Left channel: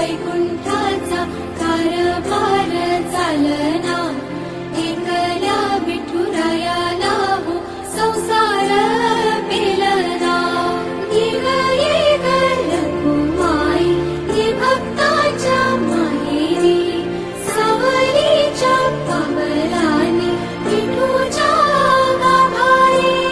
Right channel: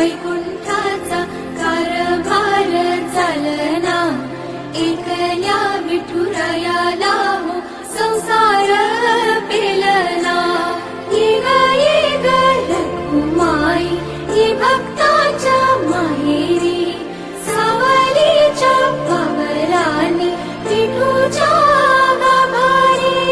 वैकुंठाचा कारभार चालना, एकल्या विठुरायाला हो संसार पेलना. निघाली रखुमाई ही भक्ताच्या माहेरी, सावलीच्या पवलाने विठूच्या गाभारी.